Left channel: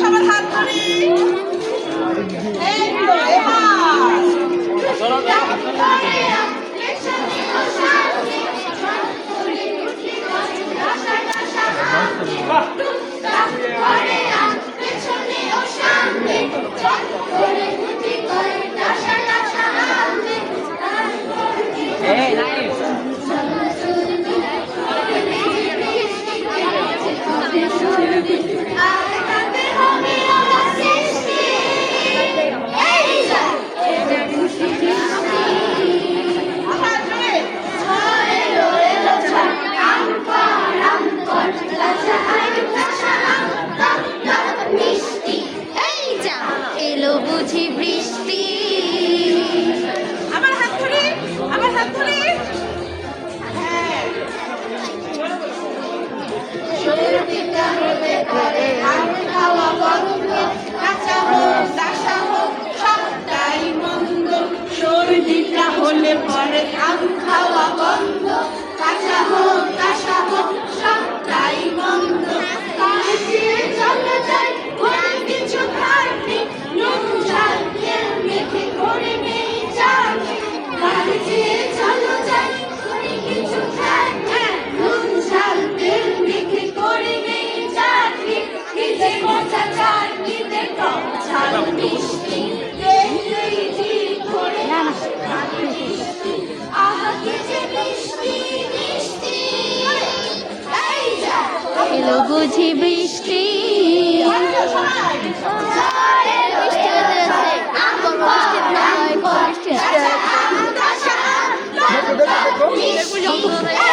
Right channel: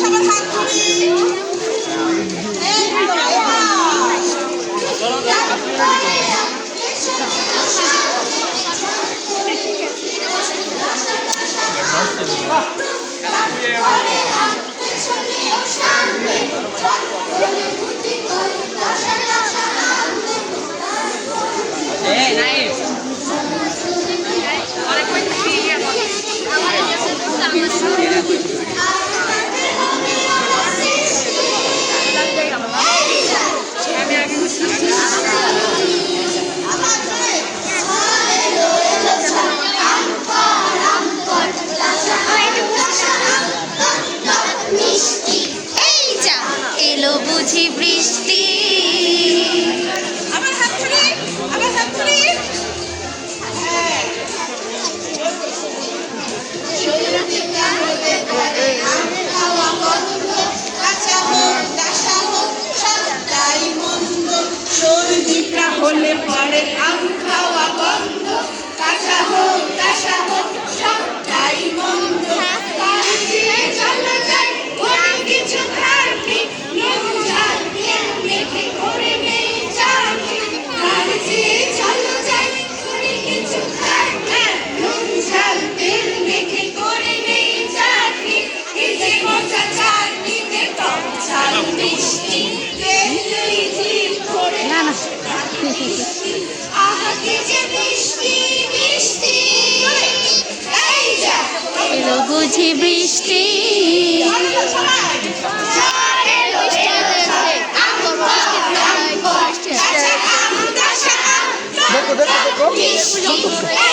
সবার হাত ধরি এলো বুঝি বৃষ্টি। আমার হাত ধরি সর্দিটা হতে পারে আম খাওয়া বন্ধ, কাঁচা হোক কাঁচা হোক সবটাই মন্দ। সর্দিটা হলে পরে আম খাওয়া বন্ধ, কাঁচা হোক কাঁচা হোক সবটাই মন্দ। চলো যাই ঘরে কিছু খাবি, নুন ঝাল তেল মেখে করে নেই চাবি। চলো যাই ঘরে কিছু খাবি, নুন ঝাল তেল মেখে করে নেই চাবি। এই যে মজা চাটনিতে টক ঝাল মিষ্টি, এই জিভ ভরে মিষ্টি, আহা কি যে মিষ্টি মিষ্টি। এই যা এলো বুঝি বৃষ্টি। মিষ্টি